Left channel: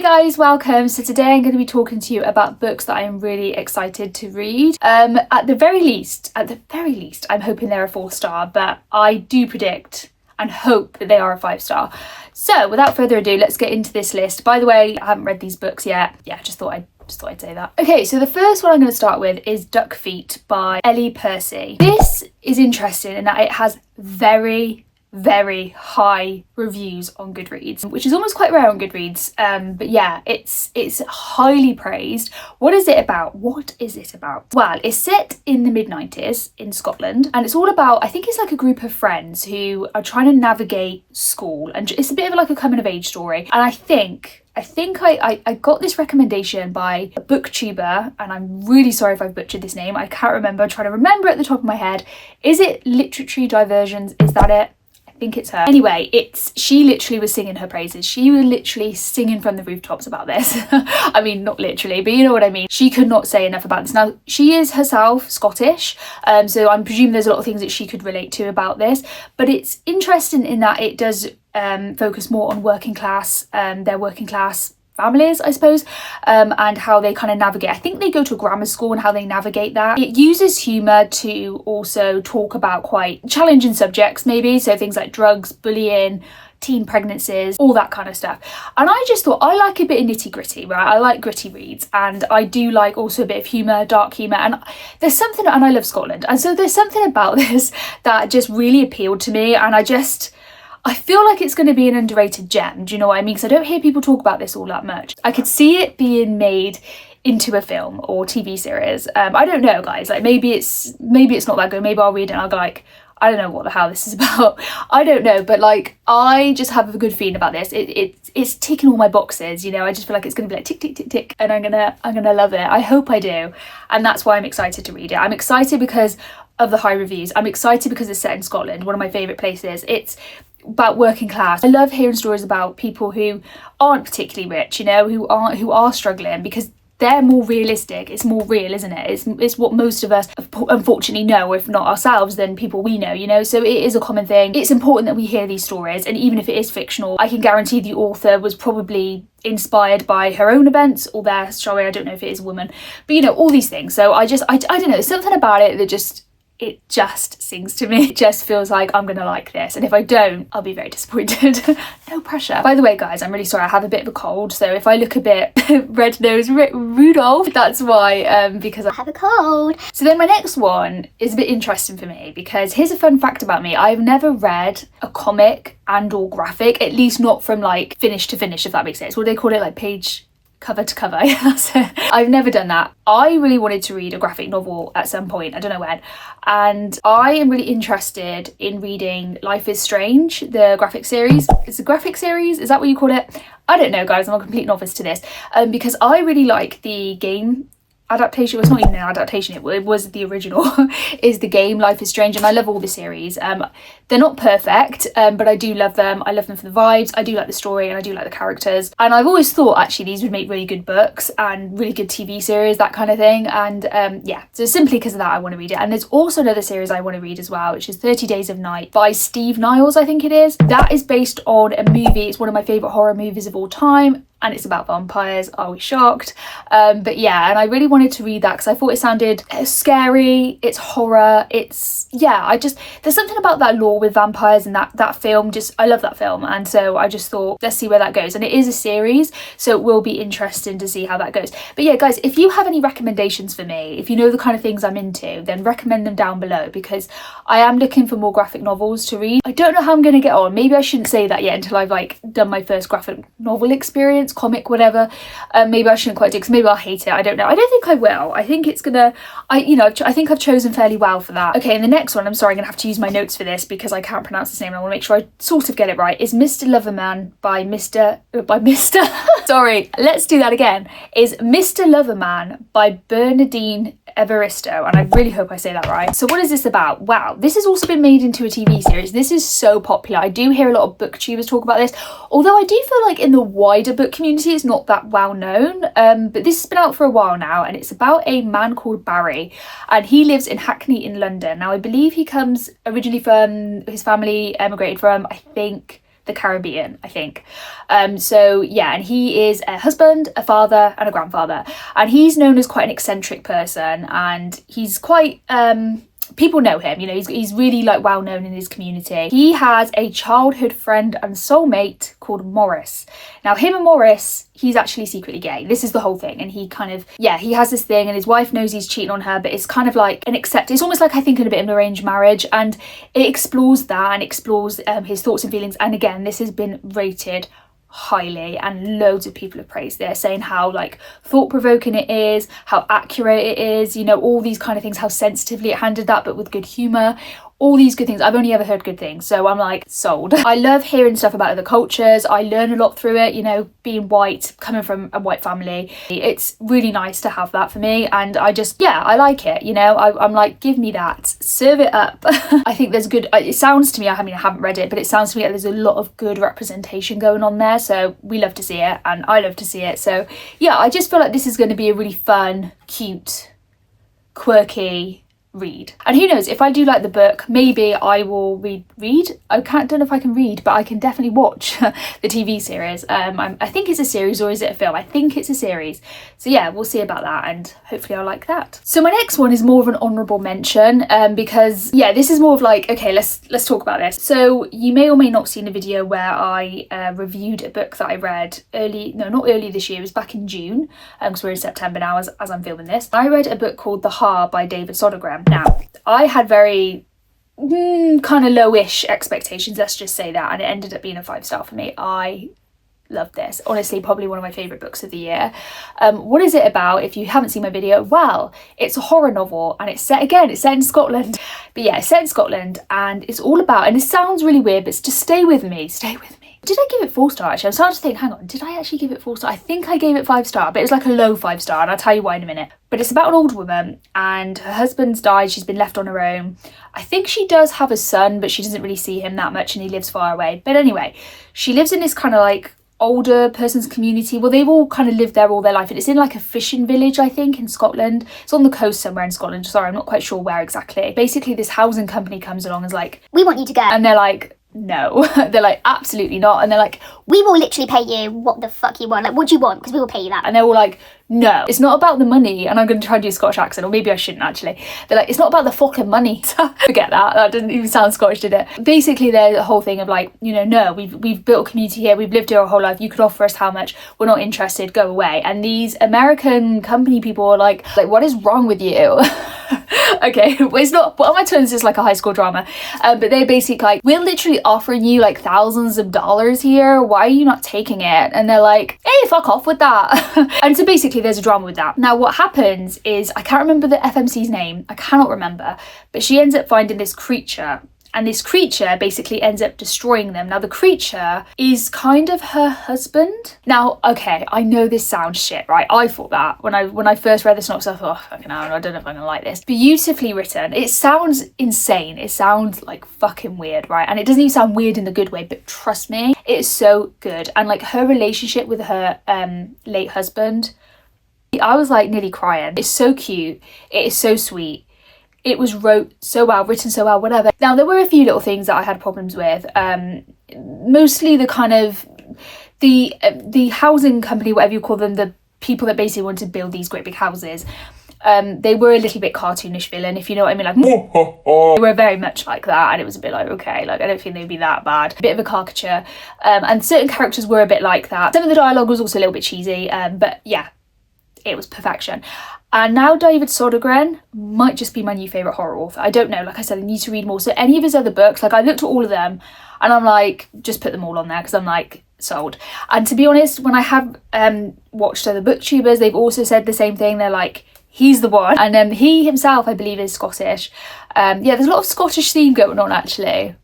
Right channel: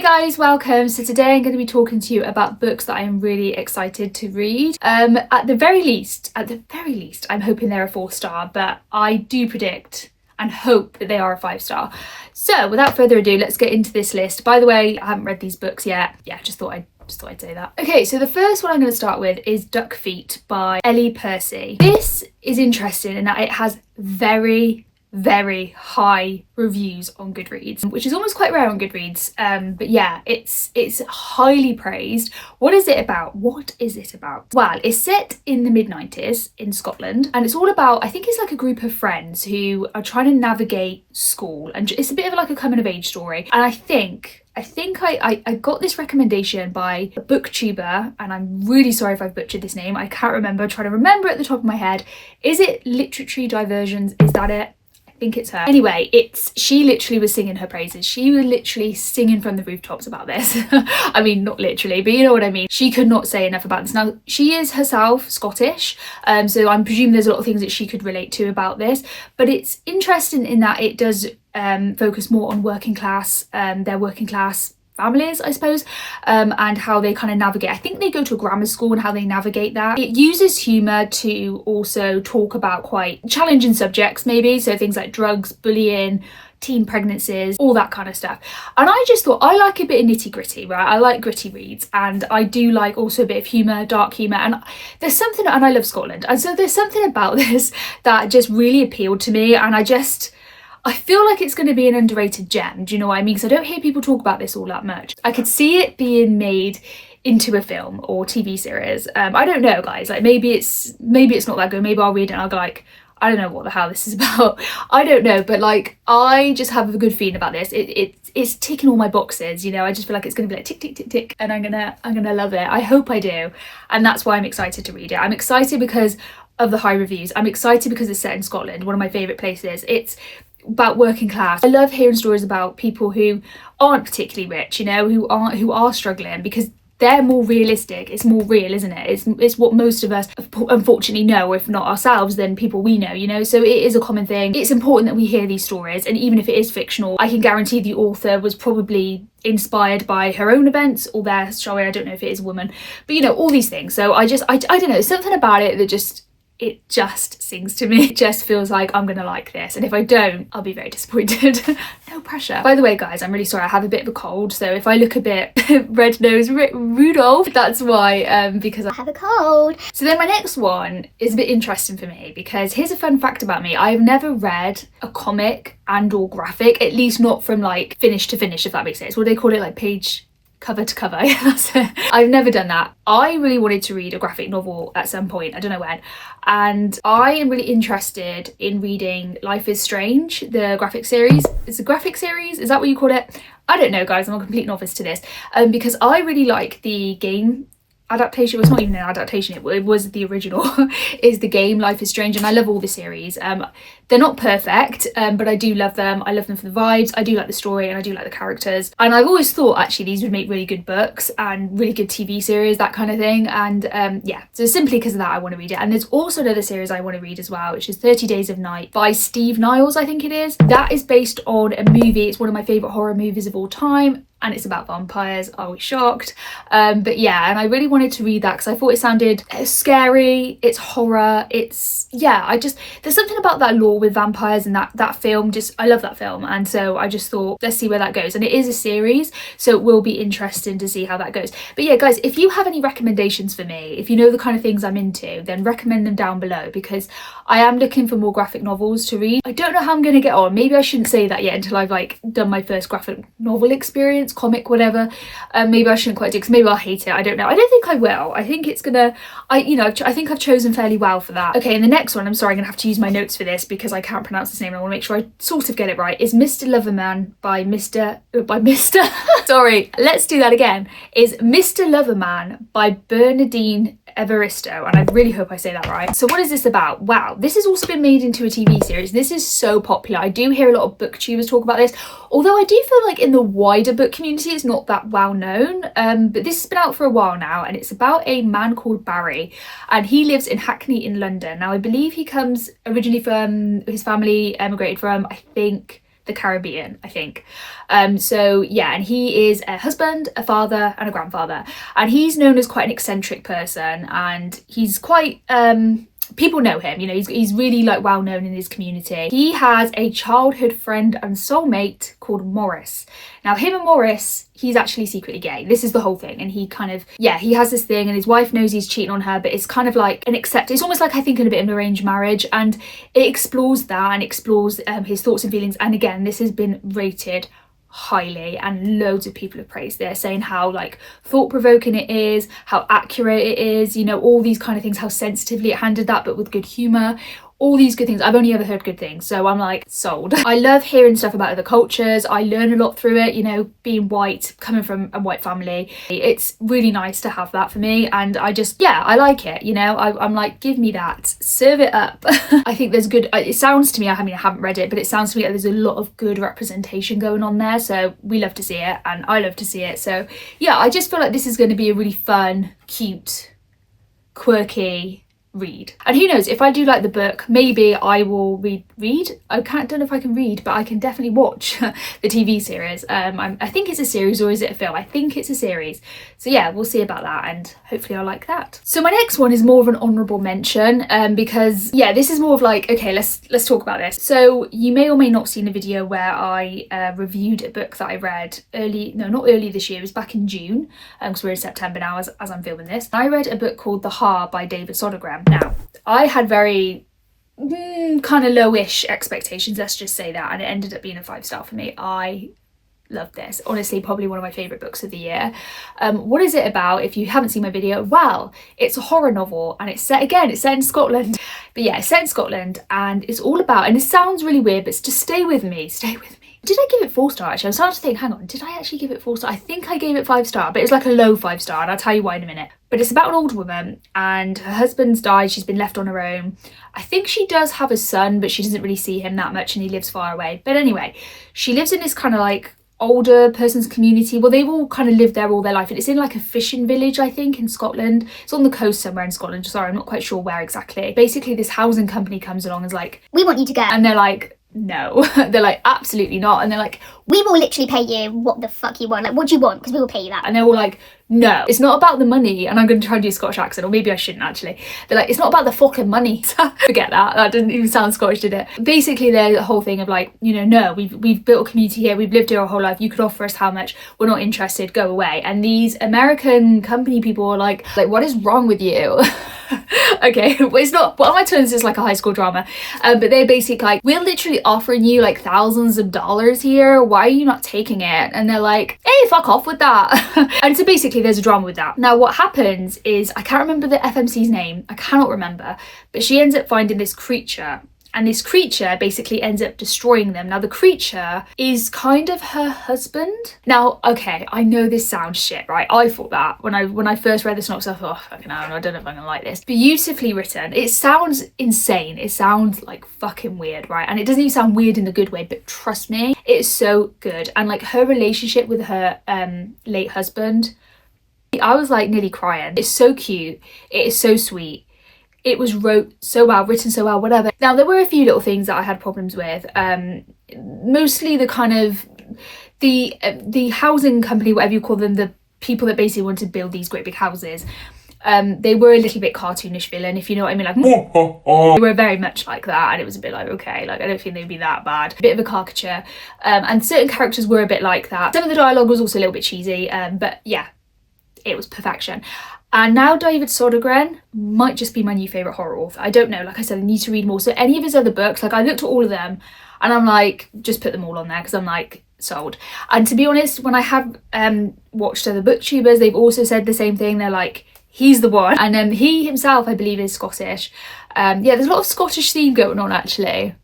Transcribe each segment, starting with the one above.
Hey guys, welcome. So today I'm going to be talking to you about books that I am really excited to read. At the very least, I'm hoping they're a 4-star, but I do predict and hope that they are a 5-star. So without further ado, let's get into this list. By the way, I haven't read these books yet. Yeah, just thought I'd say that. Okay, so the first one I'm going to start with is Duck Feet by Ellie Percy. This is interesting in that it has very high reviews on Goodreads, which is almost quite rare on Goodreads, but yeah, it's highly praised. What is it about? Well, it's set in the mid-90s in Scotland, and it's all about, I think it's like a group of friends who are trying to navigate school, and it's a bit of like a coming of age story. And I think I got this recommendation by a booktuber, and I'm really sorry if I've butchered this name. I can't remember. I'm trying to remember at the top of my head. Is it Literary Diversions? Is that it? I think it's her. Anyway, she literally was singing her praises. She was literally singing from the rooftops about this. I mean, not literally, but you know what I mean. She could not say enough about this. Now, she is herself Scottish, so I'm presuming there's a lot of things that she could relate to about this. But it's interesting in that it does focus more on working class, their working class families, I suppose, and how they kind of navigate. I think they go to a grammar school and how they navigate that. It uses humour to also talk about quite challenging subjects, maybe, so things like drugs, bullying, teen pregnancies, all that kind of stuff. And I just thought, I like a bit of nitty gritty, right? I like gritty reads, and I do like also a bit of humour, dark humour, and there's something, and I love Scotland, and so there's something about this that just really appealed to me, and I feel like it's going to be an underrated gem, do you know what I mean? Because I don't hear people talk about this all that much. I could see it being made into a film or TV series. I don't know, guys. Like maybe it's not that good. Maybe I'll read it and I'll go like, I don't know what the hell this is about. I don't know, but like I just have a good feeling about this. It's ticking all my boxes, you know. I just feel like it's going to be like tick tick tick tick, and I'm gonna love it. I hope I do, and that's why I'm excited to read it. I'm excited because of the high reviews. I'm excited because it's set in Scotland, one of my favourite places. It's about working class. I love hearing stories about people who aren't particularly rich, you know, who are struggling, because they're more realistic. It's more real, isn't it? It's what most of us unfortunately know, if not ourselves, then people we know, you know. So it is a common thing. It's important that we hear these stories, and even if it is fictional, I can guarantee the author was probably inspired by her own events or their story. I don't know if it is a woman, but you know, all these things. So I don't know, something about it that just sings to me. It just feels like I'm gonna like this, and if I don't, I'll be very disappointed. No pressure. By the way, guys, I'm really sorry, I have a bit of a cold, so if I look a bit red-nosed Rudolph, that's why, because I have a cold. So then my next one is a bit interesting for me, because here's a fun fact about me. I've never read a comic and or graphic, at least not from like finish to finish, if that makes sense. What do they call it, like page cover to cover? Yeah, that's it. I've never done that. I really wanted to read a graphic novel at some point, I don't know when, and I am really interested in reading Life is Strange, the graphic series. It's a graphic series, is that what you call it? I don't know, guys, I'm a complete novice to this, because I really like the game adaptation. Well, it's not even an adaptation, it was the original is the game Life is Strange, and I love all the series. They're not perfect, but I do love them. I love them for the vibes, I do like the story, and I do like the characters, and I've always thought actually these would make really good books and really good TV series, that kind of thing. And yeah, so simply because of that I want to read it. And there's also another series I want to read as well, which is 30 Days of Night by Steve Niles, I think it is. That is based on a movie. It's one of my favourite horror movies of all time, and it's about vampires. Are we shocked? But yeah, and I really wanted to read that because I thought it sounded scary. It's horror. It's, yeah, there's something about that lore with vampires and that film. Just, I love that film, and so I just thought, let's see where that goes. And it is a series, so it will be interesting to see how that goes. But yeah, guys, if you have any recommendations for me, if you know the kind of things I'm into, then recommend them down below, because I am looking for more graphic novels to read. I don't know how I'm going to get on. Maybe I shouldn't say that yet until I've like done my first graphic novel experience, comic, whatever. Maybe I shouldn't quite do, because maybe I'll hate it. I don't know. I don't think I will. I think it's gonna, I think I've chosen fairly well for that. Okay, and the next one, I'm sorry, I'm gonna have to use my notes for this because I can't pronounce his name. I want to make sure I sort of get it right. Is Mr. Loverman by Mr. Sorry, let's do that again. Is Mr. Loverman by Bernardine Evaristo, and I really hope I say that right. So what is this about? Wow, this has also been made into a TV series. This is so popular. I do hear a lot of booktubers talk about this, although I do feel like in the wider book community it's not that well known. But this has been out for a while now, and it's about a man called Barry, and he lives in Hackney in London. Now I believe he comes originally from, his family emigrated from, I think, the Caribbean, I think. So yeah, and he is a husband, a father and a grandfather, and he's known as quite an eccentric person, and he's quite people know him, you know, he's really like well known in his community. He has a childhood friend and soulmate called Morris. Now him and Morris, he's actually secretly gay. This is the whole thing, and he kind of, yeah, he has this thing, and his wife knows he's cheating on her, but it's kind of like an it's almost like, I think, in a bit of an arranged marriage, and it explores that and explores his thoughts and feelings. And again, this has been rated highly, and loads of people have praised this, saying how like thought-provoking it is, how accurate it is, you know, all these kind of things, how sensitively it handled that, but with good humour, all these good things. I've only ever heard good things, so I'm like sold. I love hearing stuff about other cultures. I learn a lot through it, you know, being white, coming from a white family. It's really nice to have that for me, and I just, yeah, I like it, you know. I'm like, give me that, serve it up. I think there's good, it sounds to me, I mean, I haven't read it, but it sounds to me like there's a lot of good representation going on there, so we love to see it, and I love to see it. So yeah, I just feel like this is going to be a really fun, cute, quirky read. And who knows, if I do like the book, maybe I will read don't know if I can read, but I can definitely watch the TV series. I think it's a series, or is it a film? I think it's a series, so yeah, we'll see about that, and hopefully I'll like that. So my next one is more of an honourable mention, because yeah, this is more of like, okay, let's talk about this. So you may or may not have seen a video where I reviewed a book that I read not early this year, it was back in June, because we're in September now as I'm filming this. I read a book called The Haar by David Sodergren. Now, I had very kind of lowish expectations, let's just say that, and it ended up being a 5-star for me. I love this. Honestly, probably one of my favourite books of the year. What is it about? If you haven't seen my video, well, it's a horror novel, and it's set in Scotland. But yeah, it's set in Scotland, and it's all about, and it sounds really weird, but just stay with me. Did I give it 4-star actually? I'm starting to think, hang on, did I actually give it 4-star? I think I gave it 5-star, but it was like a low 5-star, and I'll tell you why in a minute. But it's about an old woman, and her husband's died, she's been left on her own. I think she does have a son, but she doesn't really see him that much, and he lives far away. But anyway, she lives in this kind of like older person's community. Well, they've all kind of lived there all their life, and it's in like a fishing village, I think, in Scotland. It's on the coast somewhere in Scotland. Sorry, I'm not quite sure where exactly. Basically, this housing company comes along and is like, we want you to go. And they're like, no. They're like, absolutely not. And they're like, we will literally pay you what the fuck you want. Like, what do you want? Because we will pay you that. And they're all like, no, it's not about the money. And I'm going to try and do a Scottish accent, or maybe I shouldn't actually. They're like, it's not about the fucking money. Forget that. That didn't even sound Scottish, did it? Basically, there's a whole thing of like, you know, no, we've built a community here. We've lived here our whole life. You could offer us how much? We're not interested. Go away. And these American company people are like, what is wrong with you? Okay, well, it's not, what am I turning this is like a high school drama, but they're basically like, we're literally offering you like thousands of dollars here, why are you not taking it? And they're like, hey, fuck off with that. And so basically there's a drama with that. Now what happens is, I can't remember the FMC's name, I cannot remember, but she ends up finding this creature, and this creature basically ends up destroying them. Now the creature is kind of her husband. Now, okay, I know this sounds shit, right? I thought that when I first read the synopsis, I thought, oh, fucking hell, I don't know if I'm gonna like this. Beautifully written. It sounds insane. It sounds like fucking weird, right? And it doesn't even sound weird in the good way, but trust me, it's so good. And like her relationship with her late husband, I was like nearly crying. It's so cute. It is so sweet. It was written so well, whatever. Now, there were a few little things that I had problems with. Mostly the kind of, the housing company, whatever you call them, the people that basically want to build these great big houses, they were a little bit cartoonish villain, if you know what I mean. Like, they were very much like that, and it was a bit like, okay, like, I don't think they'd be that bad. A bit of a caricature. And certain characters were a bit like that. Some of the dialogue was also a little bit cheesy, but yeah, it was perfection. And now David Sodergren might just be my new favourite horror author. I don't know, like I said, I need to read more. So any of his other books, like I looked at all of them and I'm like, just put them all on there, because I'm like, sold. And to be honest, when I have watched other booktubers, they've also said the same thing. They're like, he's the one. And he himself, I believe, is Scottish. Yeah, there's a lot of Scottish theme going on actually.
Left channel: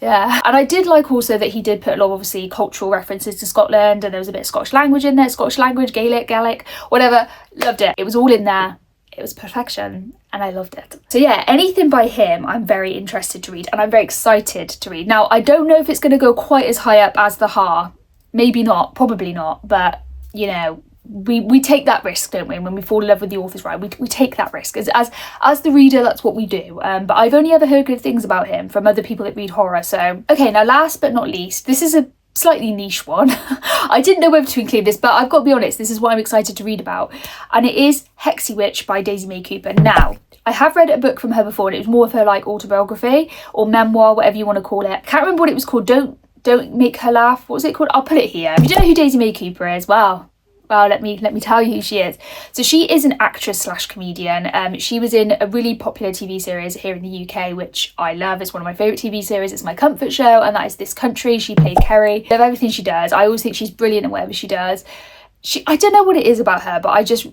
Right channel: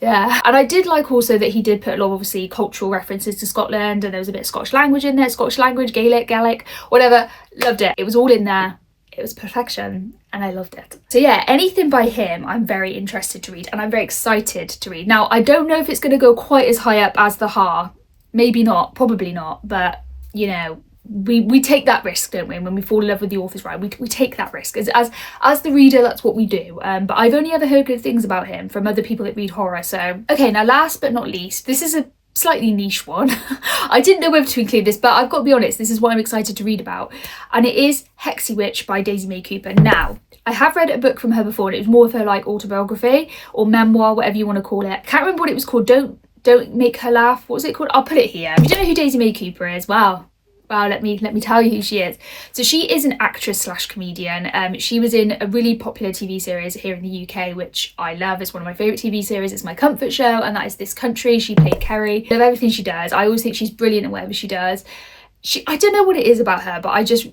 Yeah, and I did like also that he did put a lot of obviously cultural references to Scotland, and there was a bit of Scottish language in there, Scottish language, Gaelic, whatever. Loved it. It was all in there. It was perfection, and I loved it. So yeah, anything by him I'm very interested to read, and I'm very excited to read. Now, I don't know if it's going to go quite as high up as The Haar. Maybe not, probably not, but you know, we take that risk, don't we? When we fall in love with the author's right, we take that risk. As the reader, that's what we do. But I've only ever heard good things about him from other people that read horror. So, okay, now last but not least, this is a slightly niche one. I didn't know whether to include this, but I've got to be honest, this is what I'm excited to read about. And it is Hexy Witch by Daisy May Cooper. Now, I have read a book from her before, and it was more of her like autobiography or memoir, whatever you want to call it. Can't remember what it was called. Don't make her laugh. What was it called? I'll put it here. If you don't know who Daisy May Cooper is, well, let me tell you who she is. So she is an actress slash comedian. She was in a really popular TV series here in the UK, which I love. It's one of my favourite TV series. It's my comfort show, and that is This Country. She played Kerry. I love everything she does. I always think she's brilliant at whatever she does. I don't know what it is about her, but I just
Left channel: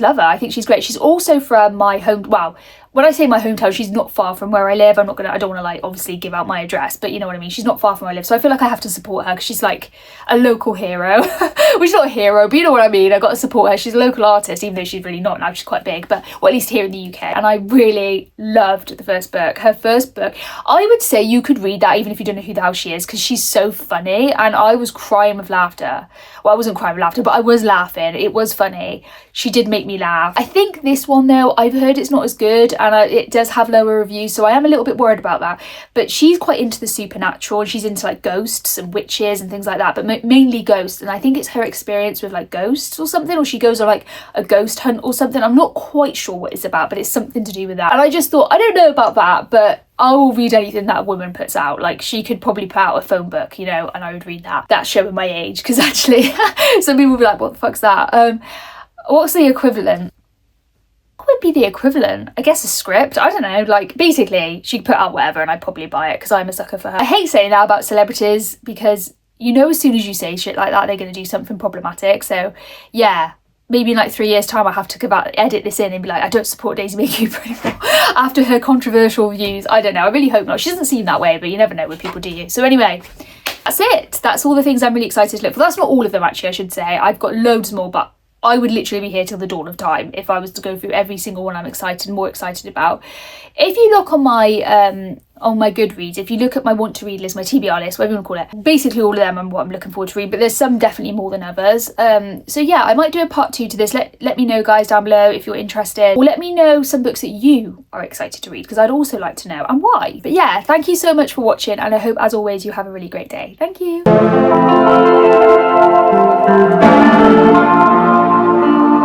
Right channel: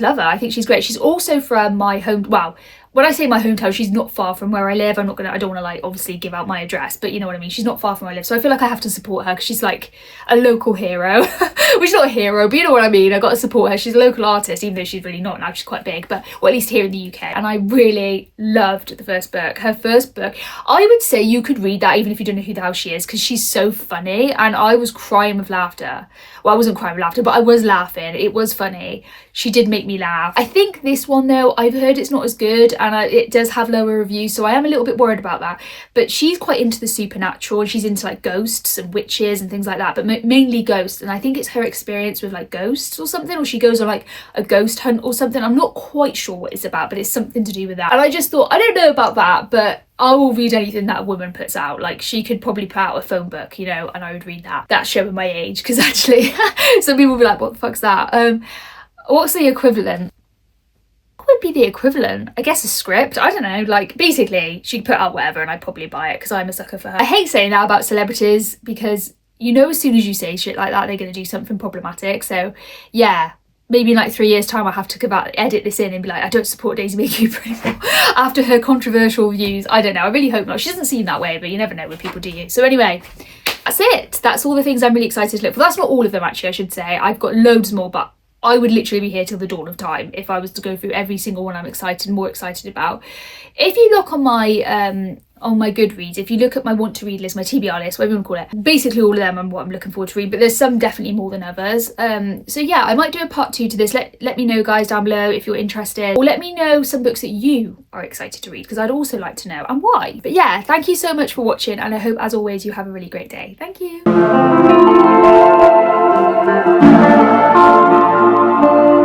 love her. I think she's great. She's also from my home. Well, when I say my hometown, she's not far from where I live. I don't want to like obviously give out my address, but you know what I mean. She's not far from where I live, so I feel like I have to support her because she's like a local hero. Well, she's not a hero, but you know what I mean. I got to support her. She's a local artist, even though she's really not now. She's quite big, but well, at least here in the UK. And I really loved the first book. Her first book, I would say you could read that even if you don't know who the hell she is, because she's so funny, and I was crying with laughter. Well, I wasn't crying with laughter, but I was laughing. It was funny. She did make me laugh. I think this one though, I've heard it's not as good, and it does have lower reviews, so I am a little bit worried about that. But she's quite into the supernatural, and she's into like ghosts and witches and things like that, but mainly ghosts. And I think it's her experience with like ghosts or something, or she goes on like a ghost hunt or something. I'm not quite sure what it's about, but it's something to do with that. And I just thought, I don't know about that, but I will read anything that a woman puts out. Like, she could probably put out a phone book, you know, and I would read that. That's showing my age, because actually some people will be like, what the fuck's that? What's the equivalent? What would be the equivalent? I guess a script. I don't know. Like, basically, she'd put out whatever and I'd probably buy it because I'm a sucker for her. I hate saying that about celebrities because, you know, as soon as you say shit like that, they're going to do something problematic. So, yeah. Maybe in like 3 years' time, I have to edit this in and be like, I don't support Daisy May Cooper anymore after her controversial views. I don't know. I really hope not. She doesn't seem that way, but you never know with people, do you? So anyway, that's it. That's all the things I'm really excited to look for. That's not all of them, actually, I should say. I've got loads more, but I would literally be here till the dawn of time if I was to go through every single one I'm more excited about. If you look on my Goodreads, if you look at my want to read list, my TBR list, whatever you want to call it, basically all of them are what I'm looking forward to read, but there's some definitely more than others. So yeah, I might do a part 2 to this. Let me know, guys, down below if you're interested, or let me know some books that you are excited to read, because I'd also like to know and why. But yeah, thank you so much for watching, and I hope, as always, you have a really great day. Thank you.